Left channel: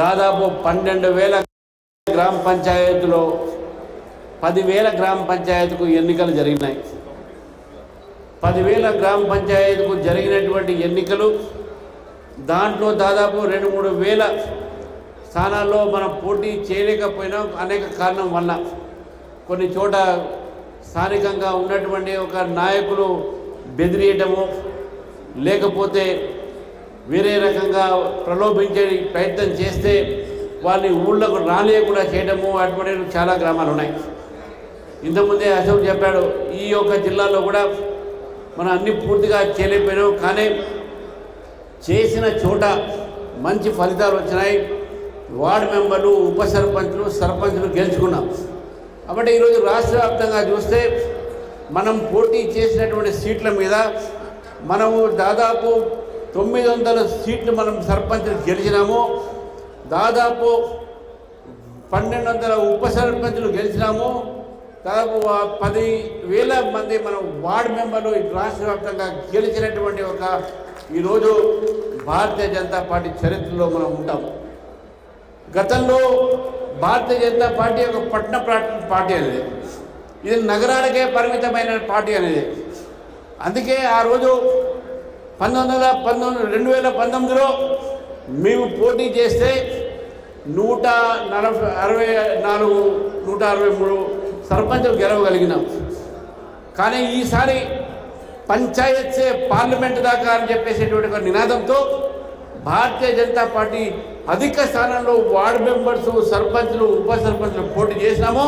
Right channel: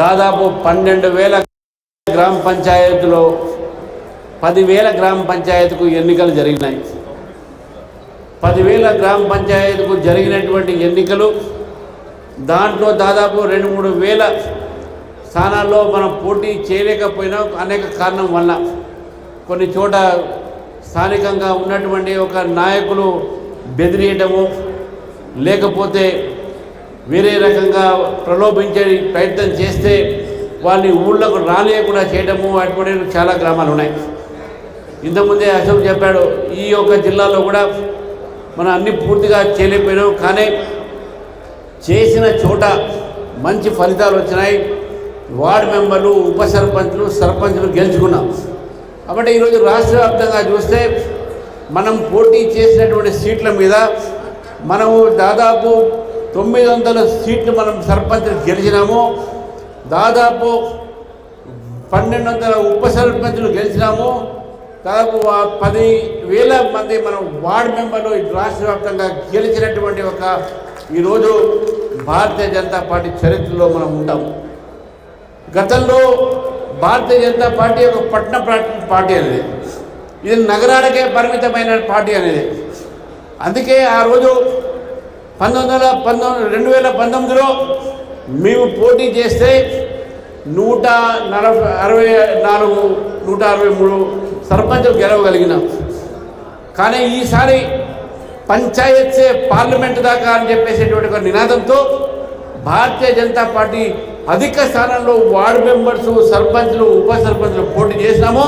దాదాపు 12,000 గ్రామ పంచాయతీలో 10,000 గ్రామ పంచాయతీకు ఎన్నికలు జరిగినాయి. 10,000 గ్రామ పంచాయతీకు జరిగినటువంటి ఎన్నికలు దాంట్లో దాదాపు 2-3 వేల స్థానాల్లో మనం పోటీ చేయలేకపోయినా అనేక కారణం వల్ల కొన్ని చోట స్థానికంగా ఉన్నటువంటి ఒక నాయకులు బెదిరియటము, లేకపోతే వేరే రకంగా ప్రలోభించే ప్రయత్నం చేస్తే వాళ్ళని ఊళ్ళకు రానియకుండా చేయడము, అటువంటి చాలా గ్రామాలు ఉన్నాయి. ఇంతకుముందే అశోక్ చెప్పాడు, ఈ యొక్క జిల్లాలో కూడా మనం అన్ని పూర్తిగా చేయలేకపోయినాం, కానీ చేసిన చోట మంచి ఫలితాలు వచ్చినాయి. వార్డు మెంబర్లు, ఉప సర్పంచ్లు, సర్పంచ్లు గెలుచుకున్నాం. కాబట్టి ఈరోజు రాష్ట్ర వ్యాప్తంగా చూస్తే మనం పోటీ చేసినటువంటి సీట్ల మీద మనము దాదాపు 900 సీట్లు మనం సర్పంచ్లు గెలిచినాము, దాదాపు 1,200 ఉప సర్పంచ్లు గెలిచినాము, దాదాపు 10,000 మంది మనం వార్డు మెంబర్లు రాష్ట్ర వ్యాప్తంగా గెలిచినటువంటి ఒక ఈరోజు భారతీయ జనతా పార్టీ చరిత్రలో మనం ఉంటాం. గతంలో భారతీయ జనతా పార్టీ ఒక పట్టణ పార్టీ అనేది, ఇది నగరాలకే పరిమితమైన పార్టీ అనేది. అందుకే ఆ రోజు 2019లో మేము పోటీ చేస్తే 163 సర్పంచులు గెలవగలిగినాం. కానీ ఈసారి పంచాయత్ సే పార్లమెంటు దాకా అని చెప్పేసేటువంటి ఒక నినాదంతో భారతీయ జనతా పార్టీ అధిక స్థానంలో వార్డు మెంబర్స్, సర్పంచ్లు, ఉప సర్పంచ్లు పోటీ చేసినాము.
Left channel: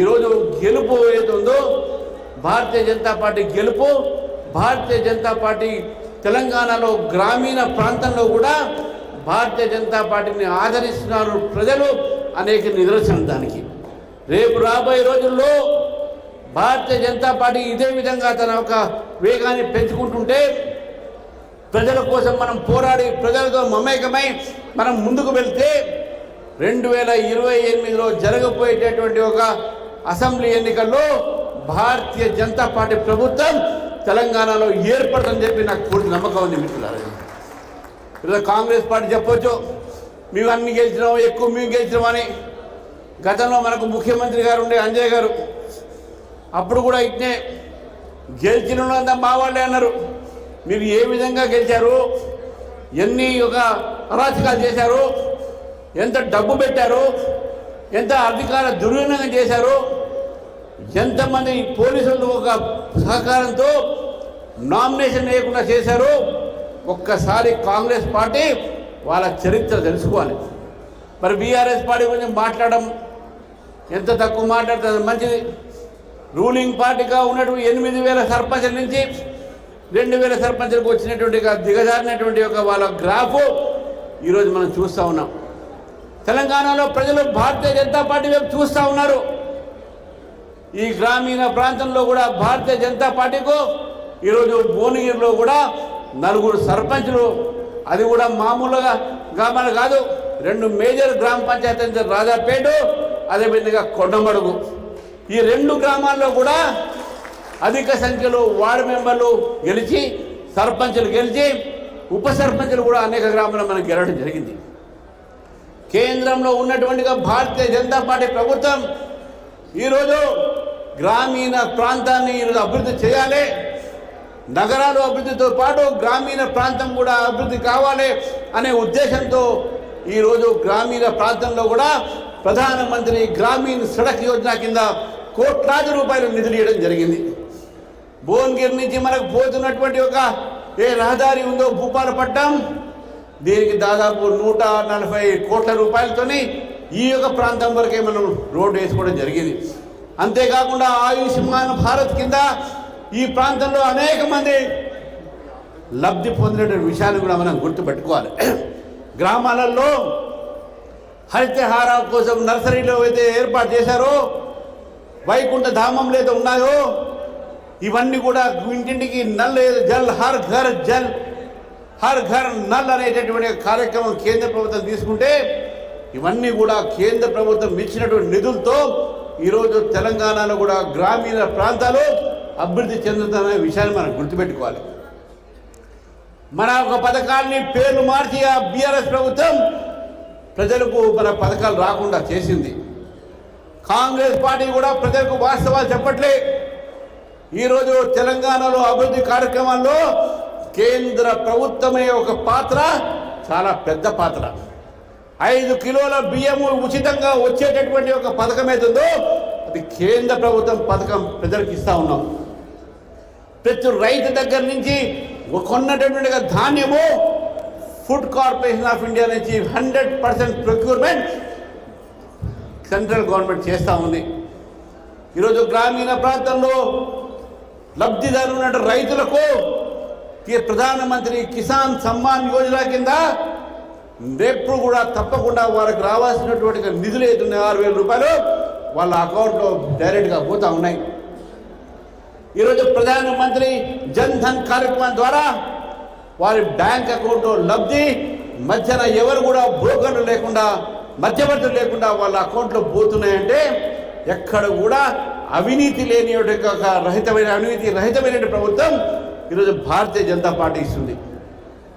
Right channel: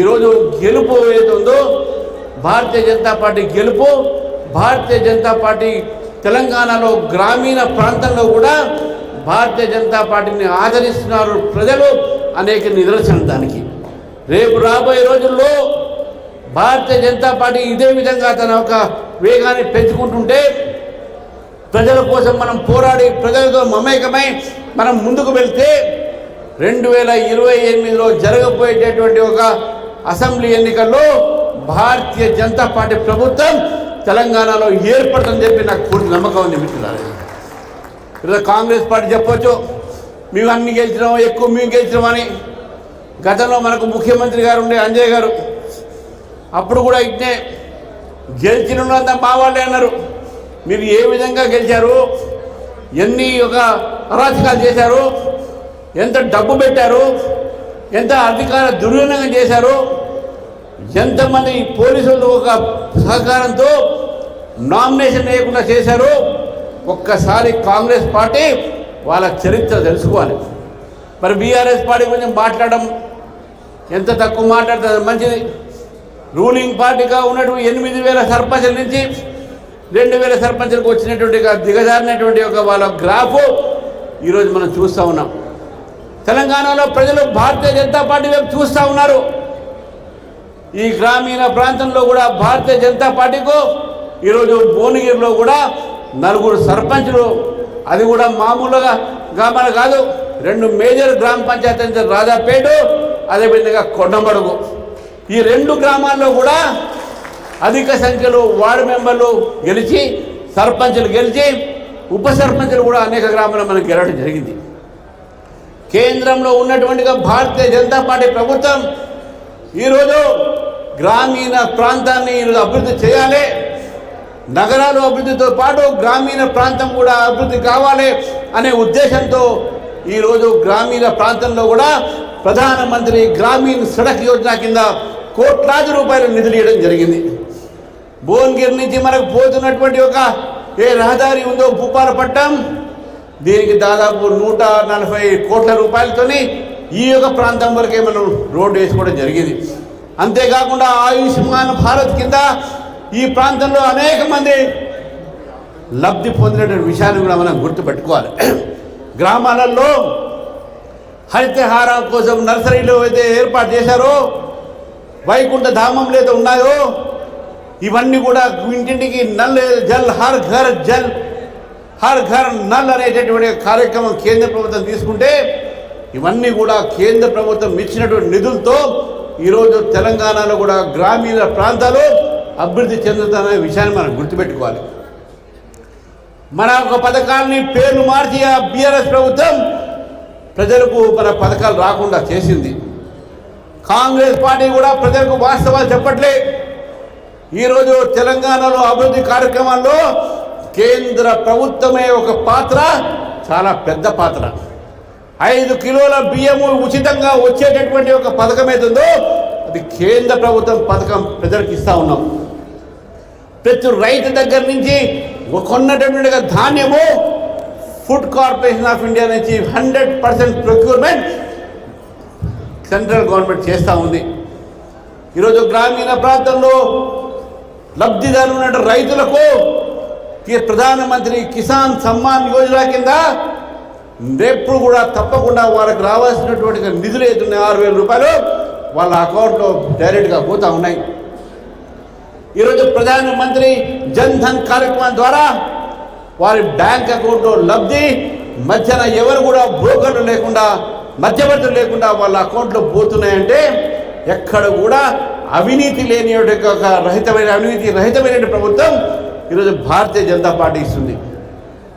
ఈరోజు గెలుపు ఏది ఉందో భారతీయ జనతా పార్టీ గెలుపు. భారతీయ జనతా పార్టీ తెలంగాణలో గ్రామీణ ప్రాంతంలో కూడా భారతీయ జనతా పార్టీని ఆదరిస్తున్నారు ప్రజలు, అనేక నిదర్శనం దానికి. రేపు రాబోయే రోజుల్లో భారతీయ జనతా పార్టీ ఇదే విధంగా తన ఒక వేగాన్ని పెంచుకుంటుంటే ప్రజల కోసం మనం పోరాడి ప్రజలతో మమేకమై మనం ముందుకు వెళ్తే 2028లో జరగబోయేటటువంటి ఒక అసెంబ్లీ ఎన్నికల్లో భారతీయ జనతా పార్టీ ప్రభుత్వం తెలంగాణలో ఏర్పడుతుందని చెప్పి నాకు పూర్తి నమ్మకం ఉంది మిత్రులారా. ఈరోజు కాంగ్రెస్ పార్టీ చెప్పొచ్చు, మేము అన్ని గెలిచినాం, ఎక్కువ మేము గెలిచినామని. గతంలో మనకు ముఖ్యమంత్రి గారు ఉండే అంజయ్ గారు, అప్పుడు కూడా ఇట్నే గెలిచినంతా మా వాళ్ళే అన్నారు. మీరు ఏ విధంగా గెలిచారు, ఎన్ని ఒక అరాచకాలు చేశారు, ఎంత డబ్బు పెట్టారు, ఎంత అధికార దుర్వినియోగం చేశారు, ఎంతమంది పోలీసులు ఒక సహకారంతో నామినేషన్ వేయకుండా చేశారు. ఒక్కసారి కాంగ్రెస్ పార్టీ వాళ్ళ చరిత్ర తెలుసుకోవాలి. మరి బీఆర్ఎస్ పార్టీ గురించి మాట్లాడడం ఎంత తక్కువ మాట్లాడుతుంది మంచిది. రూలింగ్ పార్టీగా ఉన్నటువంటి 8,000 సర్పంచుల నుంచి 2,000 సర్పంచులకు వచ్చినటువంటి దిగజారినటువంటి ఒక వాళ్ళ గ్రాఫ్ ఈరోజు మనం చూస్తూ ఉన్నాం. తెలంగాణలో ప్రజలు భారతీయ జనతా పార్టీ వైపు చూస్తూ ఉన్నారు. ఈ గ్రామీణ ప్రాంతంలో కూడా భారతీయ జనతా పార్టీకు ఈరోజు భువనగిరిలో కూడా 4 సర్పంచులు, అది కూడా మామూలుగా గ్రామాలు కాదు, 2 మేజర్ గ్రామ పంచాయతీ, రాజాపేట, అదేవిధంగా కొండమడుగు. ఈ 2 గ్రామాల్లో కూడా అధిక సంఖ్యలో వార్డు మెంబర్లు గెలిచి, సర్పంచులు గెలిచి, ఉప సర్పంచులు కూడా అనేక గ్రామాల్లో మనకు గెలవడం జరిగింది. కేంద్రంలో ఉన్నటువంటిగా భారతీయ జనతా పార్టీ ప్రభుత్వం ఈరోజు గ్రామీణ ప్రాంతాన్ని ఈరోజు అభివృద్ధి చేయాలి, నగరాలు అభివృద్ధితో పాటు గ్రామీణ ప్రాంతం కూడా అభివృద్ధి కావాలి అనే ఉద్దేశంతో ఈరోజు గ్రామీణ ప్రాంతంలో కూడా ప్రధానమంత్రి గ్రామీణ సడక్ యోజన కింద కోట్లాది రూపాయలు నిధులు ఇవ్వడం జరిగింది. భువనగిరి నుంచి మనకు పోతున్నటువంటి ఒక ఏ రహదారి ఉందో భూపాలపట్నం, దీనికి దాదాపు 140 కోట్ల రూపాయలతోని ఈ యొక్క ప్రాంతం వరకే మనం రోడ్డు వేసుకోవడం జరిగింది. అంతేకాకుండా ఆయుష్మాన్ భారత్ కింద ఈ ప్రాంతంలో అనేక మంది లబ్ధి పొందినటువంటి విషయాన్ని కూడా మనం గుర్తుపెట్టుకోవాలి. గ్రామాలలో హరితహారం కోసం నర్సరీలో అయితే ఏర్పాటు చేశారో, వైకుంఠ ధామంలో అయితే ఉన్నాయో, ఇవన్నీ కూడా ఇంటింటికి నల్ జల్ హర్ ఘర్ జల్ హర్ ఘర్ నల్ అనేటటువంటి కార్యక్రమం కేంద్ర ప్రభుత్వం తీసుకుంటే, ఇవన్నీ కూడా కేంద్ర ప్రభుత్వం ఇచ్చినటువంటి నిధులతో ఈరోజు తెలంగాణలో కూడా గ్రామీణ ప్రాంతాలు అభివృద్ధి చెందుతున్న విషయాన్ని మనం గుర్తుపెట్టుకోవాలి. మన ఒక పథకాలని పేర్లు మార్చి ఆ బీఆర్ఎస్ ప్రభుత్వం ప్రజలకు మన పథకాలు రాకుండా చేసింది. కాంగ్రెస్ పార్టీ కూడా ప్రజలకు వాస్తవాలు చెప్పట్లే. ఈరోజు తెలంగాణలో అభివృద్ధి కార్యక్రమాల్లో కేంద్ర ప్రభుత్వమే ఒక పాత్ర, చాలా పెద్ద పాత్ర. 5 కిలోల బియ్యము ఉచితంగా వచ్చేటటువంటి ఒక పథకం ఏతుందో అది కేంద్ర ప్రభుత్వం పథకం ప్రజలకు ఇస్తూ ఉన్నాం. ప్రతి రైతు దగ్గర నుంచి కొన్నటువంటి ధాన్యము ఫుడ్ కార్పొరేషన్ ఆఫ్ ఇండియా నుంచి 100% ప్రొక్యూర్మెంట్ సెంట్రల్ గవర్నమెంట్ చేస్తూ ఉంది. ఈరోజు గ్రామీణ ప్రాంతంలో లబ్ధిదారు ఉన్న రైతులకు ప్రధానమంత్రి కిసాన్ సమ్మాన్ యోజన కింద రేపు కూడా తప్పకుండా వారికి రావాల్సినటువంటి నిధులు ఏదున్నాయి 6,000 రూపాయలు వాళ్ళ అకౌంట్లో డైరెక్ట్గా పోతూ ఉన్నాయి. ఈరోజు ప్రధానమంత్రి జన్ ధన్ కార్యక్రమం ద్వారా వారి బ్యాంక్ అకౌంట్లో లబ్ధి మధ్యన ఎవరు కూడా బ్రోకర్లు లేకుండా మధ్యవర్తులు లేకుండా వాళ్ళ అకౌంట్లో పోతున్నాయంటే ఎక్కడ కూడా అవినీతి లేని అవినీతి రహితమైన ప్రభుత్వం ఈరోజు భారతీయ జనతా పార్టీ ఇస్తుంది.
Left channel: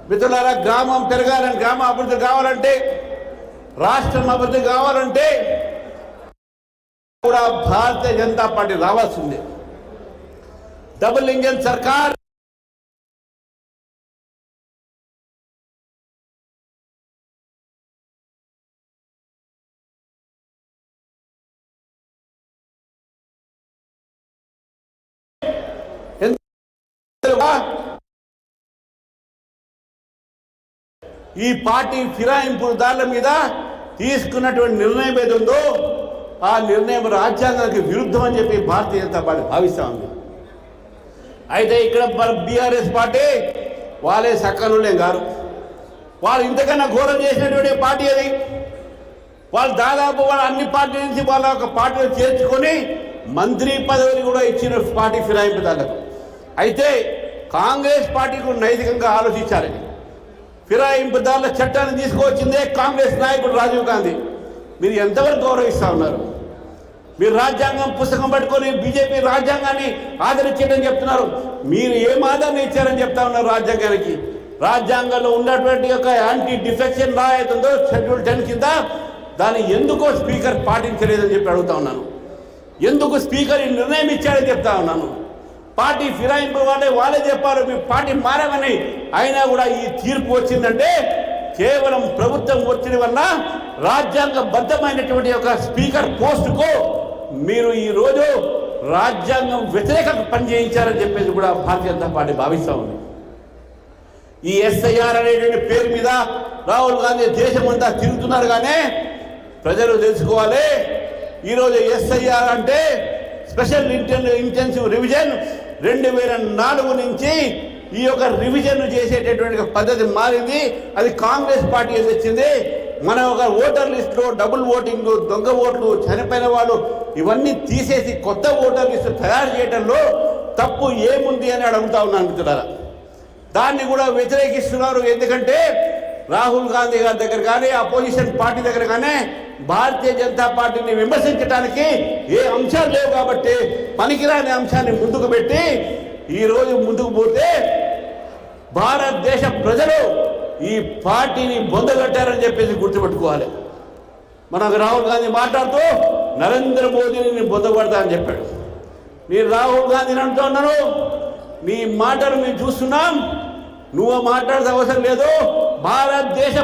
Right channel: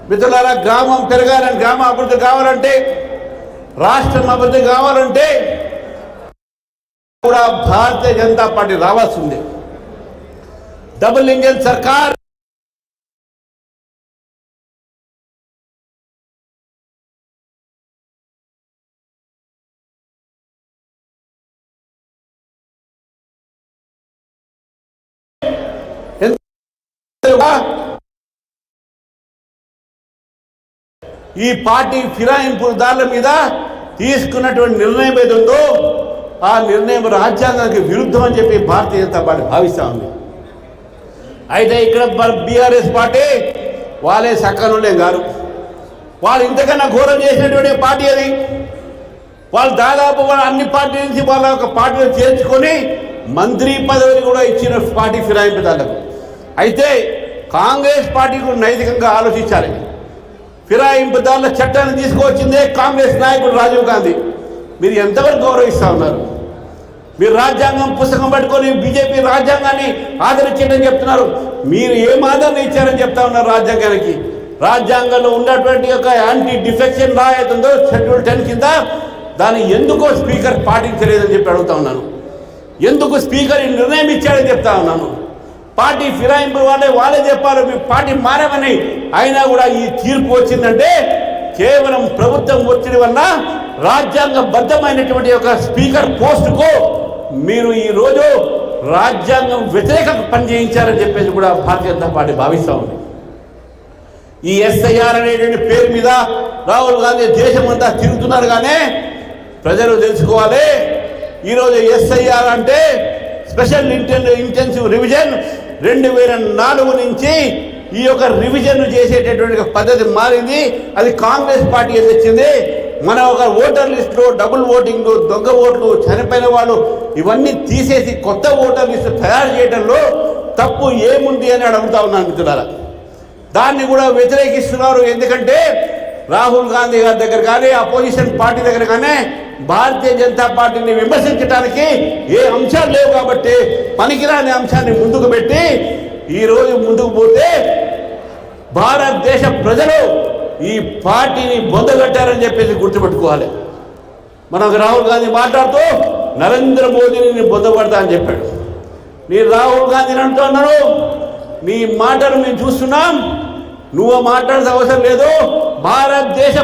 మిత్రులారా, గ్రామం పెరగాలని, గ్రామ అభివృద్ధి కావాలంటే, రాష్ట్రం అభివృద్ధి కావాలంటే కూడా భారతీయ జనతా పార్టీ రావాల్సిందే. డబుల్ ఇంజన్ సర్కార్ ఈ పార్టీ ఫిరాయింపుదారుల మీద తీసుకున్నటువంటి నిర్ణయం ఏదో ఆ నిర్ణయం రాజ్యాంగానికి విరుద్ధం అని చెప్పి భారతీయ జనతా పార్టీ భావిస్తూ ఉంది. అయితే ఇక్కడ బీఆర్ఎస్ పార్టీ వాళ్ళే సక్కనులే గారు, వాళ్ళు ఇంతకన్నా ఘోరం చేసినటువంటి పార్టీ అది. వాళ్ళు దాదాపు వాళ్ళ అన్ని పార్టీల నుంచి వాళ్ళ ఒక పార్టీలో చేర్చుకొని మంత్రి పదవిని కూడా ఇచ్చిన పార్టీ ఫిరాయింపుదారులకు. అయితే కాంగ్రెస్ పార్టీ కూడా నైతికంగా ఆలోచించాలి. ఫిరాయింపుదారుల చట్టాన్ని తీసుకువచ్చిందే కాంగ్రెస్ నాయకుడు రాజీవ్ గాంధీ. మీరు ఎంతవరకు గౌరవిస్తూ ఉన్నారు? మీరు రాజ్యాంగం పుస్తకం పట్టుకొని బీజేపీ రాజ్యాంగాన్ని ఆదరించడం చెప్తున్నారు. మీరు ఏం ఆదరణ ఇచ్చారని చెప్తా ఉన్నారు రాజ్యాంగానికి? రాజ్యాంగంలో ఉన్నటువంటి ఒక యాంటీ డిఫెక్షన్ లా అవుతుందో షెడ్యూల్ 10 కింద దాన్ని ఎందుకో స్పీకర్ పాటించలేదని చెప్పి అడుగుతా ఉన్నాను. ఎందుకు స్పీకర్ ఈ నిర్ణయం ఇచ్చాడని చెప్తా ఉన్నాను. పార్టీ ఫిరాయింపు వాళ్ళే చెప్పారు మీ పార్టీ మారమని. అయినా కూడా ఈ తీర్పు వచ్చిందంటే కేవలం ప్రభుత్వం ఒత్తిడి వల్ల రాజ్యాంగబద్ధమైనటువంటి ఒక స్పీకర్ పోస్టుకు మీరు ఈరోజు రాజ్యాంగం వ్యతిరేకంగా పనిచేయించారని చెప్పేసి కూడా భారతీయ జనతా పార్టీ భావిస్తూ ఉంది. ఈ ఎస్ఐఆర్ అనేటువంటి పేరు మీద రాహుల్ గాంధీ దేశమంతా తిరుగుతున్నారు. కానీ ప్రజలు తెలుసుకోవాలి, ఈరోజు ఎస్ఐఆర్ అంటే స్పెషల్ ఇంటెన్సివ్ రివిజన్ 2004 నుంచి ఈ యొక్క రివిజన్ చేసేటటువంటి పద్ధతి మారింది. అది కాంగ్రెస్ పార్టీ తెచ్చింది. మన ఒక ఓటర్ లిస్టులో డబుల్ ఓటింగ్, దొంగ ఓట్లు, చనిపోయిన వాళ్ళు ఇవన్నీ తీసేసి కొత్త ఓటర్ లిస్టు తయారు చేయడంలో తప్పు ఏముంది అని అడుగుతా ఉన్నాను మిత్రులారా. దాన్ని కూడా వ్యతిరేకిస్తున్నారు. ఎందుకంటే రాహుల్ గాంధీ గారి దగ్గర కానీ అపోజిషన్ పార్టీ దగ్గర కానీ భారతీయ జనతా పార్టీని విమర్శించడానికి ఏ అంశాలు లేవు. కాబట్టి పనికిరాని అంశాన్ని ముందుకు పెట్టి ఈరోజు ముందుకు పోతే భారతదేశ ప్రజలు ఈ పార్టీని బొందగట్టారని చెప్పేసి గుర్తుపెట్టుకోవాలి. మనకు రాహుల్ గాంధీ మాట్లాడుతూ నరేంద్ర మోదీని బొందగొడతా అని చెప్పాడు. నేను రాహుల్ గాంధీని అంటున్నాను, నీ మాటలు మేము చూస్తున్నాం, నువ్వు మాట్లాడాల్సిన అవసరం లేదు. భారతదేశ